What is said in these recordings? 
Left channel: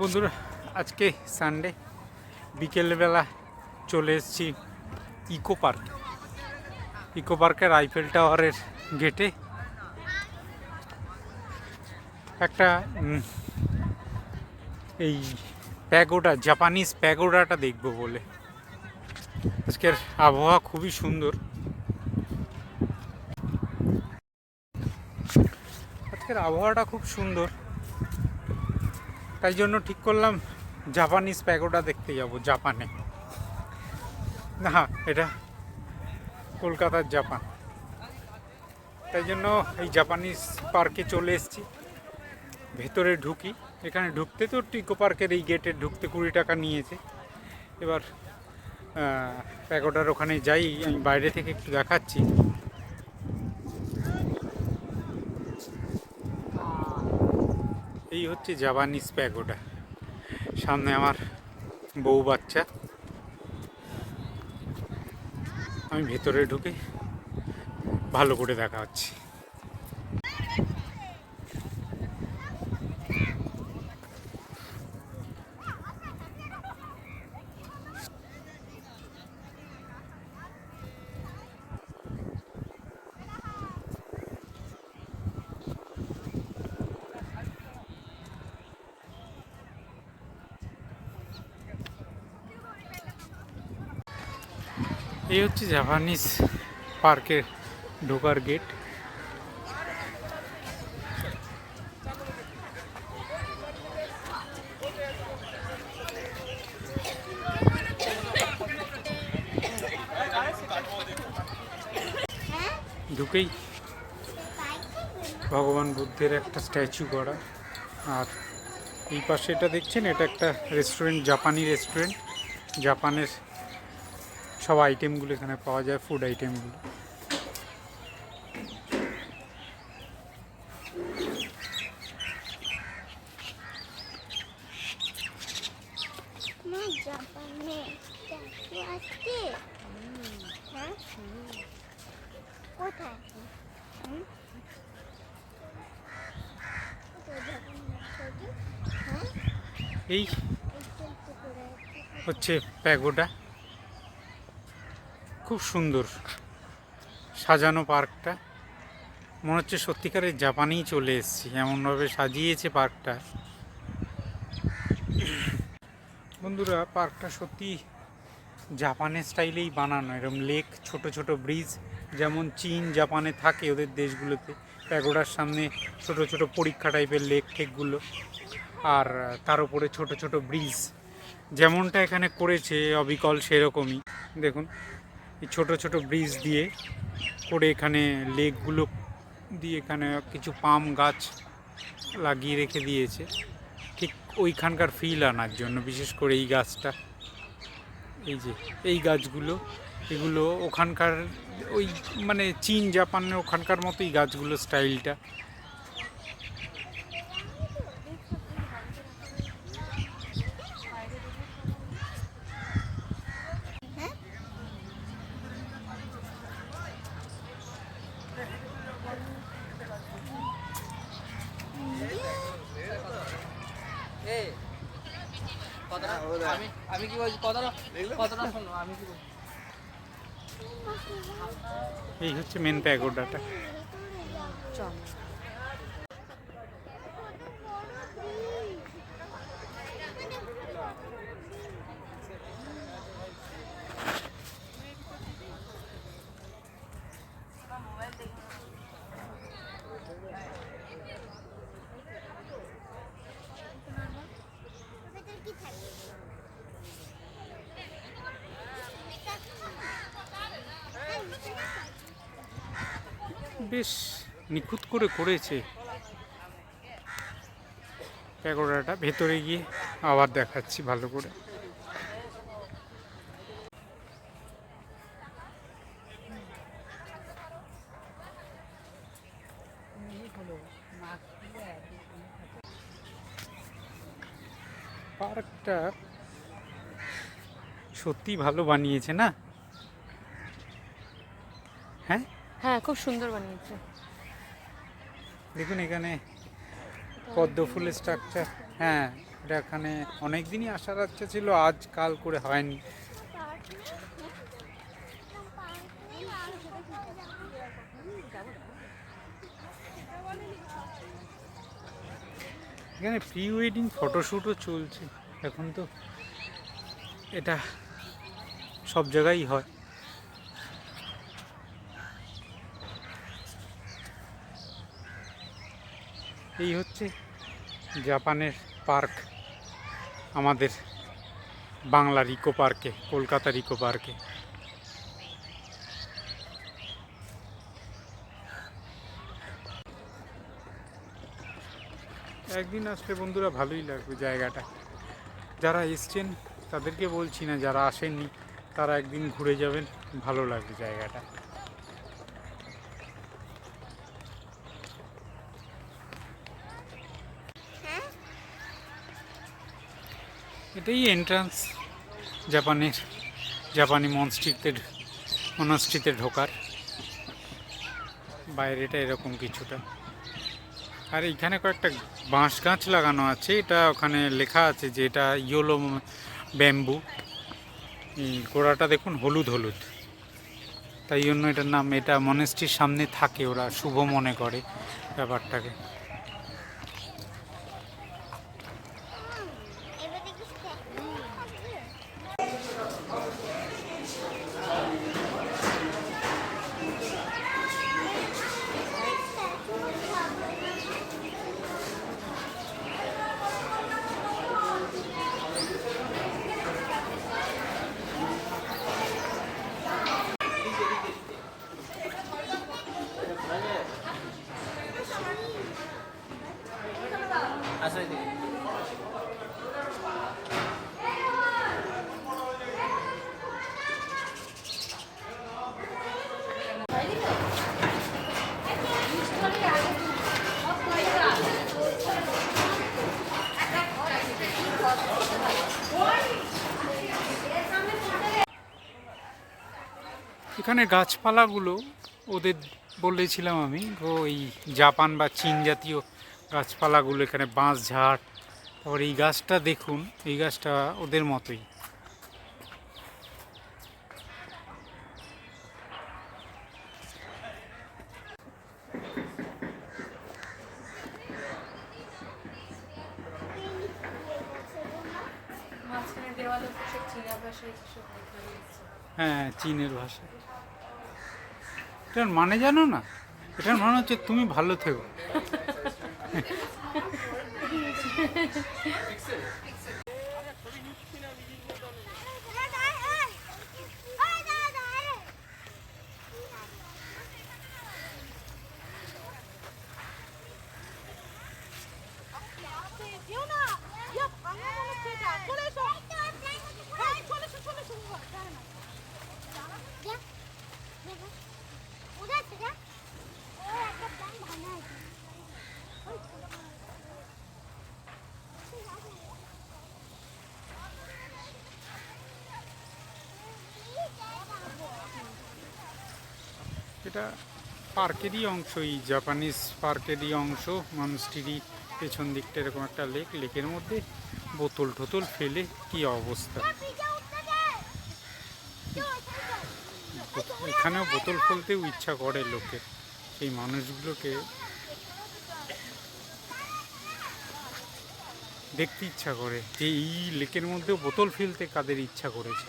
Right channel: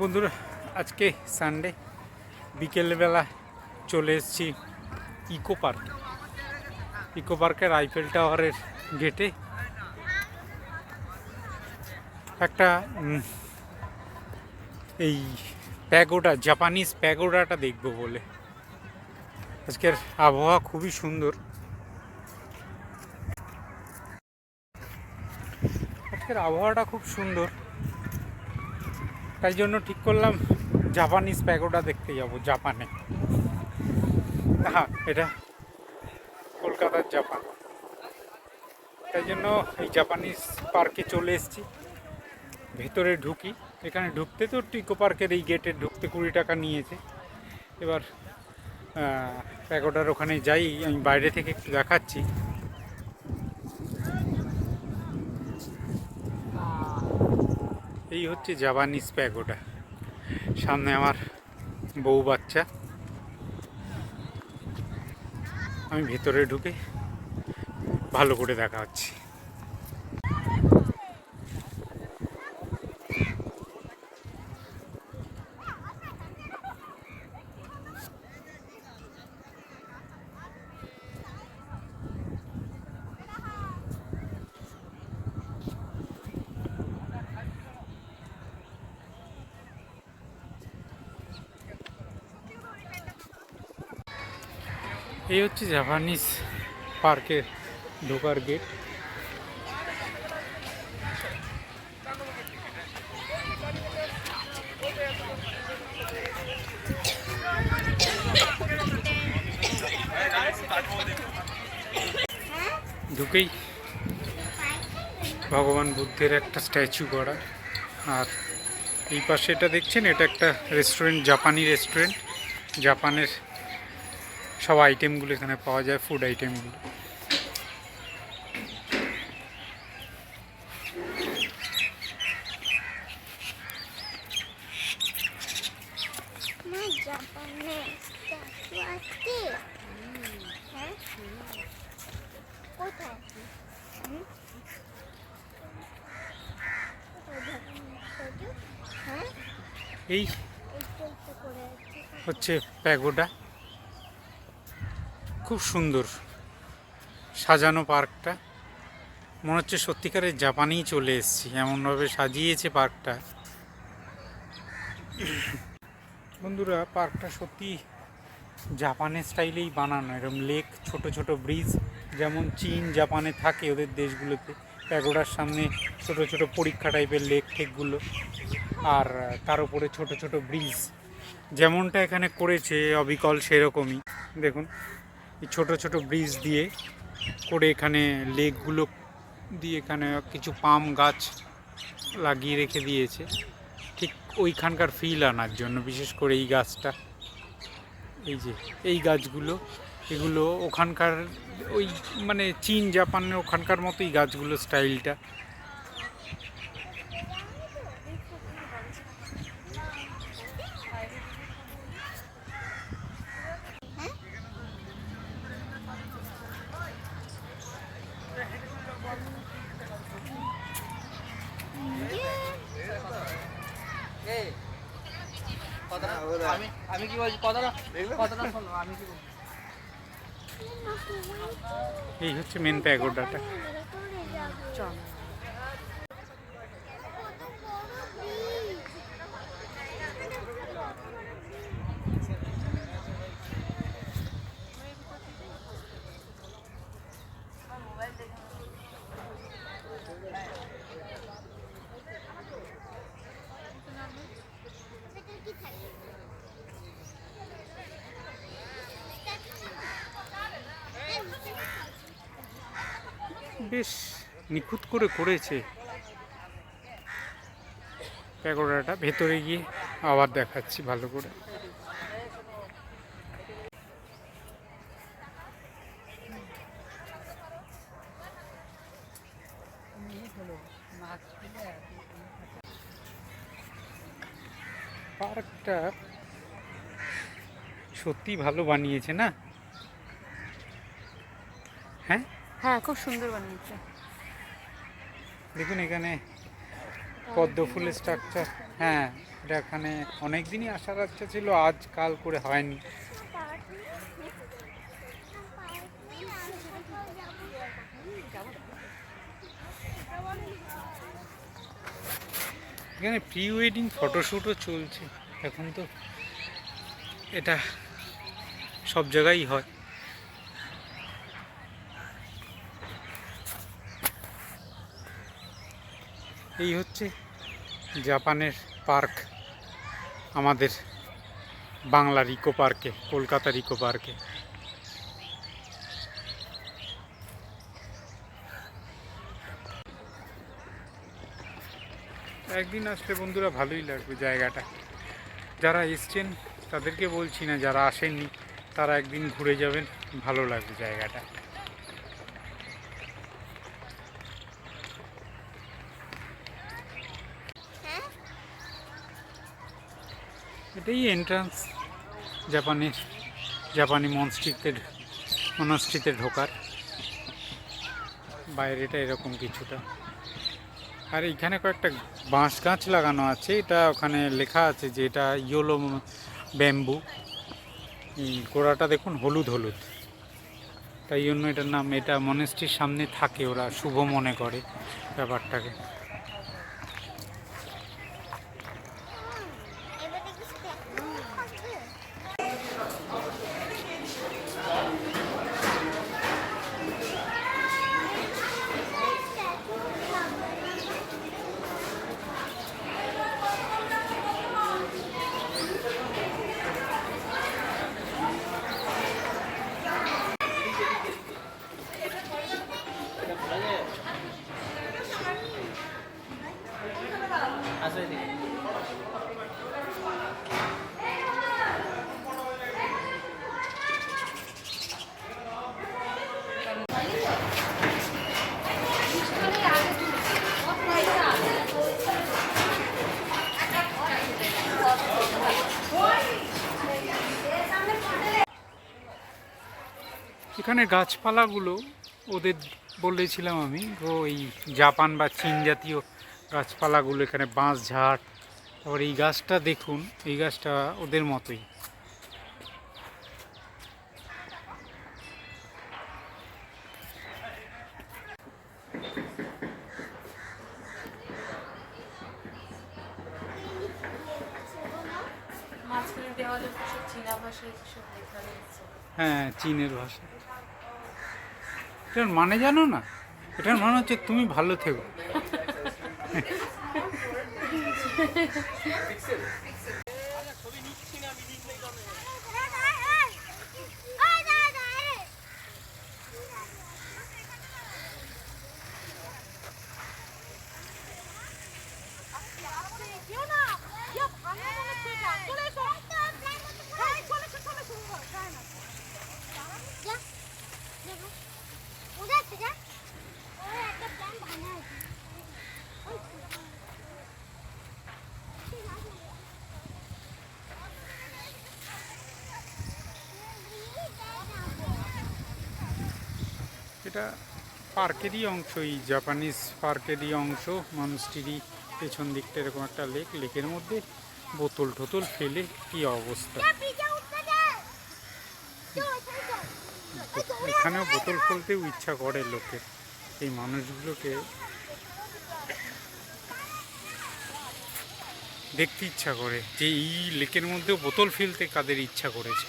বন্ধুরা, আজকে সানডে বিকেলবেলা চলে এসেছি ইকো পার্কের আইফেল টাওয়ারের গেটে। একটা এই জাপানিজ প্যাগোডাটা দেখবো বলে। আজকের আবহাওয়া খুবই সুন্দর, আজকের আবহাওয়াটা খুব সুন্দর, তাই জন্য ঠিক করলাম জাপানিজ প্যাগোডা দেখতে যাব জাপানে। হ্যাঁ, এটা কলকাতার জাপান, তাই জন্য এই জাপানিজ পার্কে চলে এসেছি। ভেতরে ঢুকি, এখানে ঢুকতে তো ইকো পার্কের এই গেটে ঢুকতে 20 টাকা নিয়েছে। এবার প্যাগোডার ওখানে যাই, আমি বাইরে থেকে একটু দেখাচ্ছি। এই হচ্ছে জাপানিজ প্যাগোডা। সামনে আমার বউ বাচ্চা, আমি ভেতরে ঢুকে ভালো করে দেখা হচ্ছে। এই হচ্ছে জাপানিজ পার্কের ঢোকার গেট। ঢুকেই ভগবান বুদ্ধের একটা স্ট্যাচু করা, আর এই পাশে এটা দেখছেন, এটা একটা রেস্টুরেন্ট, জাপানি রেস্টুরেন্ট। জাপানের সব আইটেমগুলো এখানে পাওয়া যায়, ফুড আইটেমগুলো। এই হচ্ছে প্যাগোডা, খুব সুন্দর সাজানো পার্কটা। মনে হচ্ছে সত্যিকারের জাপানেই চলে এসেছি, এমনভাবে সাজিয়েছে পার্কটা। বন্ধুরা, পার্কটা সত্যি জাপানের স্টাইলেই বানানো। এরকম লেক, ছোট ছোট ব্রিজ, যেমন চীন জাপানে থাকে ওদের দেশগুলোতে। প্যাগোডার সামনে ছোট ছোট পরীক্ষা টাইপের লেক ঠেকগুলো, আর তার উপরে ছোট ছোট ব্রিজ, যেমনটা এখানে করেছে অবিকল সেরকমই। দেখুন, এই ছোট ছোট ব্রিজ দিয়ে করে এখানে লেকগুলো দিয়ে এখানে কিছু পাম গাছ লাগিয়ে রেখে দিয়েছে, ঠিক ওইখানকার ফিল আনার জন্য। বিশেষ করে এই গাছটা, এই যে এই গাছগুলো, এগুলো ওখানকার ওই মানে চীন জাপানের ওখানকার মতোই গাছগুলো, স্টাইলটা। আমি কি বলছি, কথাটা শোনো, আমি কি বলছি। এই হচ্ছে মেন প্যাগোডাটা। বেশ নিখুঁত করে করেছে প্যাগোডাটা। ভেতরে গিয়ে আবার দেখাচ্ছি ভালো করে। পার্কটা সত্যি ভালো বানিয়েছে না? হ্যাঁ হ্যাঁ, খুব সুন্দর বানিয়েছে। দেখুন এখানে পদ্ম ফুলের স্ট্রাকচার। হ্যাঁ, এটা এখানে অনেক দিনই আসার ইচ্ছা ছিল, আজ কাল করে হয়নি। এখানে প্রি ওয়েডিং ফটোশ্যুটও চলছে এখন, তো এটা সব জায়গায় হয়। এই হচ্ছে জাপানের পার্ক, আমাদের বাংলার ইকো পার্কে, কলকাতার ইকো পার্কে। একদিন আসলে বন্ধুরা ভালোই লাগবে জায়গাটা। যারা এসছেন তাদেরকে বলছি না, যারা আসেননি তারা একদিন ঘুরে যাবেন, ভালো লাগবে জায়গাটা। এটাই এন্ট্রান্স জাপানি মনস্ট্রিতে ঢোকার। বাইরেটা এরকম কিছুটা। আর এইখানে কয়েকটা বাঁশ গাছ লাগানো আছে, এটা ওখানে লেখা আছে যে এটা ইয়োলো ব্যাম্বু। গোড়াটা দেখুন হলুদ হলুদ, তাই জন্য এটার নাম। এটা মনেস্ট্রির সামনে থাকে, ওরা শুভ মনে করে ব্যাপারটাকে। এখানে গাছপালাগুলো ওদের বলেছিলাম আমি, ওই জাপান বা চীন জাতীয় গাছপালাগুলো, এখানে বাঁশ ঝাড়। তারপর এই গাছটা দেখুন, এই গাছটা ওদের মতোই। হ্যাঁ, চীনের ভাষা। এটার মানে জানো না? এটার মানে হচ্ছে তুমি ভালো থেকো। এটা পার্কেরই অংশ, এই জাপানিজ পার্কেরই অংশ। মনস্ট্রি পেছন দিকটা এরকম একটা লেকের মধ্যে বোতল টোতল ফেলে কি অবস্থা। এখানেও বোতল ফেলতেও ইচ্ছা করে লোকের। এই মানুষগুলোকে দেখতে ইচ্ছা করে যে এই লেকের মধ্যেও বোতল ফেলতে কাদের ইচ্ছা করেছে।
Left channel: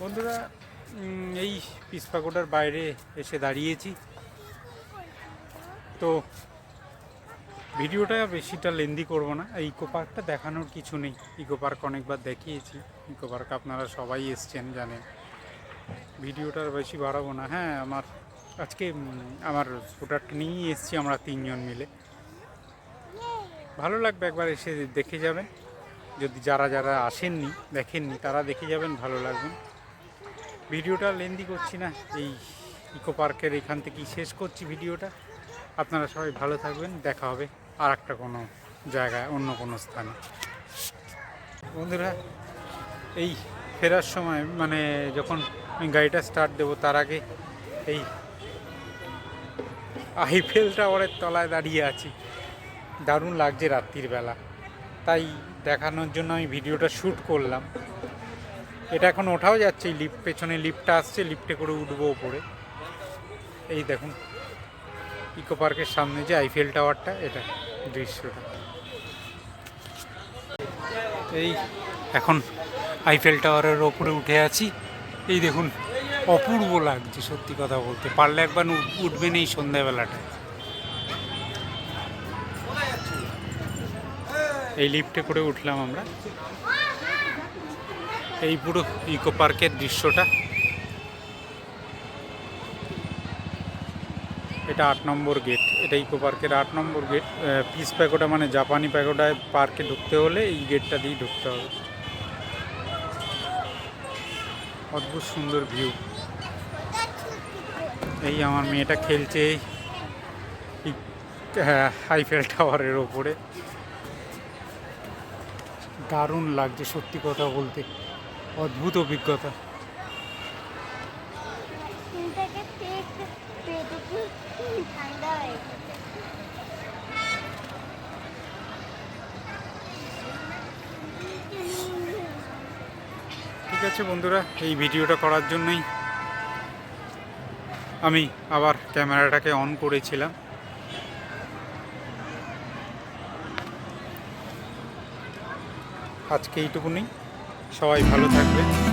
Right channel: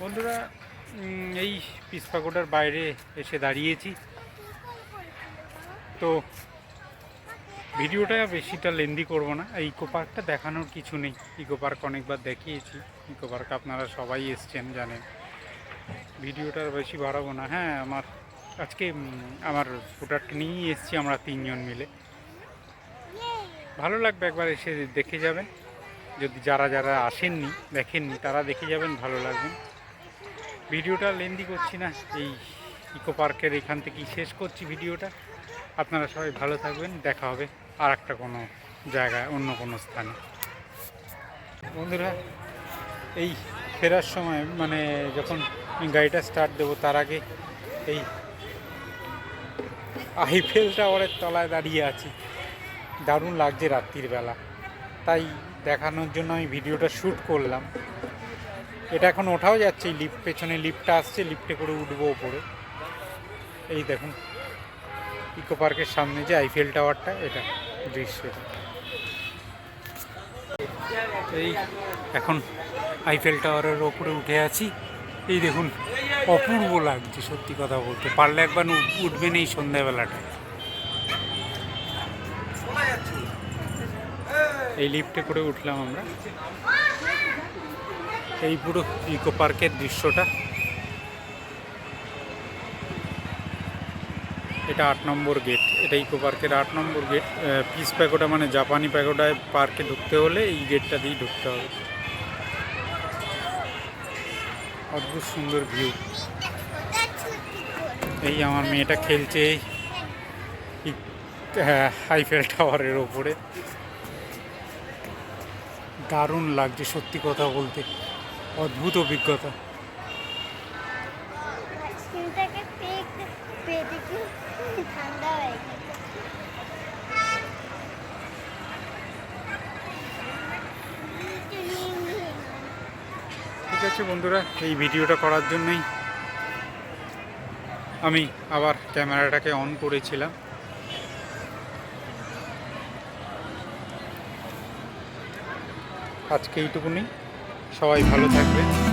বন্ধুরা, এই পিসপাগোডার বাইরে এসে দাঁড়িয়েছি। তো ভিডিওটা বেশিটা লেন্দি করব না। এই ইকো পার্কটা দেখানোর কিছু নেই, ইকো পার্ক অনেকবার দেখিয়েছি। ইকো পার্ক আপনারা সবাই এসছেন, জানেন। ভিডিওটা বেশি বাড়াবো না। হ্যাঁ, আজকে আমার স্কুটারটা নিয়েই এসছি আমরা তিনজন মিলে। ভালো লাগবে, একবার এসে দেখে যাবেন। যদি যারা আসেননি, দেখেননি, তারা দেখে যাবেন, ভালো লাগবে। ভিডিওটা লেন্দি করছি না, এই ইকো পার্কের এখান থেকেই শেষ করছি ভিডিওটা। আপনারা সবাই ভালো থাকবেন, দেখা হবে। আর একটা কোনো জায়গায়, অন্য কোনো স্থানে। বন্ধুরা, এই ফেরার সময় মানে যখন আমি গাড়িটা স্টার্ট দেবো তার আগে এই আইফেল টাওয়ারের তলায় দাঁড়িয়ে আছি। দারুণ লাগছে রাত্রির বেলা, তাই দেখানোর জন্য আমি ভিডিওটা শ্যুট করলাম। এটা এখন ওঠাও যাচ্ছে, এই লিফট, পেছনে লিফটটা আসছে, লিফটে করে উঠবো ওপরে। এই দেখুন ইকো পার্কের সামনে যে আইফেল টাওয়ারটা, এটা দৃশ্যটা। এই এখন আইফেল টাওয়ারের ওপরে উঠে আছি। এই দেখুন অপূর্ব লাগছে, সত্যি কথা বলতে। পারলে একবার উঠবেন এই সন্ধ্যাবেলাটায়। এই লিফটে করে উঠলাম আমরা। এই পুরো ইকো পার্কের দৃশ্যটা। এটা 8 নম্বর গেট, এটা ইকো পার্কের 8 নম্বর গেট। পিস প্যাগোডা মানে জাপানি প্যাগোডায় পার্কে ঢুকতে হলে এই গেটটা দিয়েই ঢুকতে হবে। অদ্ভুত সুন্দর ভিউ। এই আমার মেয়েটা খেলছে এই আইফেল টাওয়ারের ওপরে। দারুণ লাগছে সত্যি কথা বলতে, অদ্ভুত অভিজ্ঞতা। ঠিক আছে বন্ধুরা, এই ভিডিওটা করার জন্যই আমি আবার ক্যামেরাটাকে অন করেছিলাম। আজকে এইটুকুনি, সবাই ভালো থাকবেন।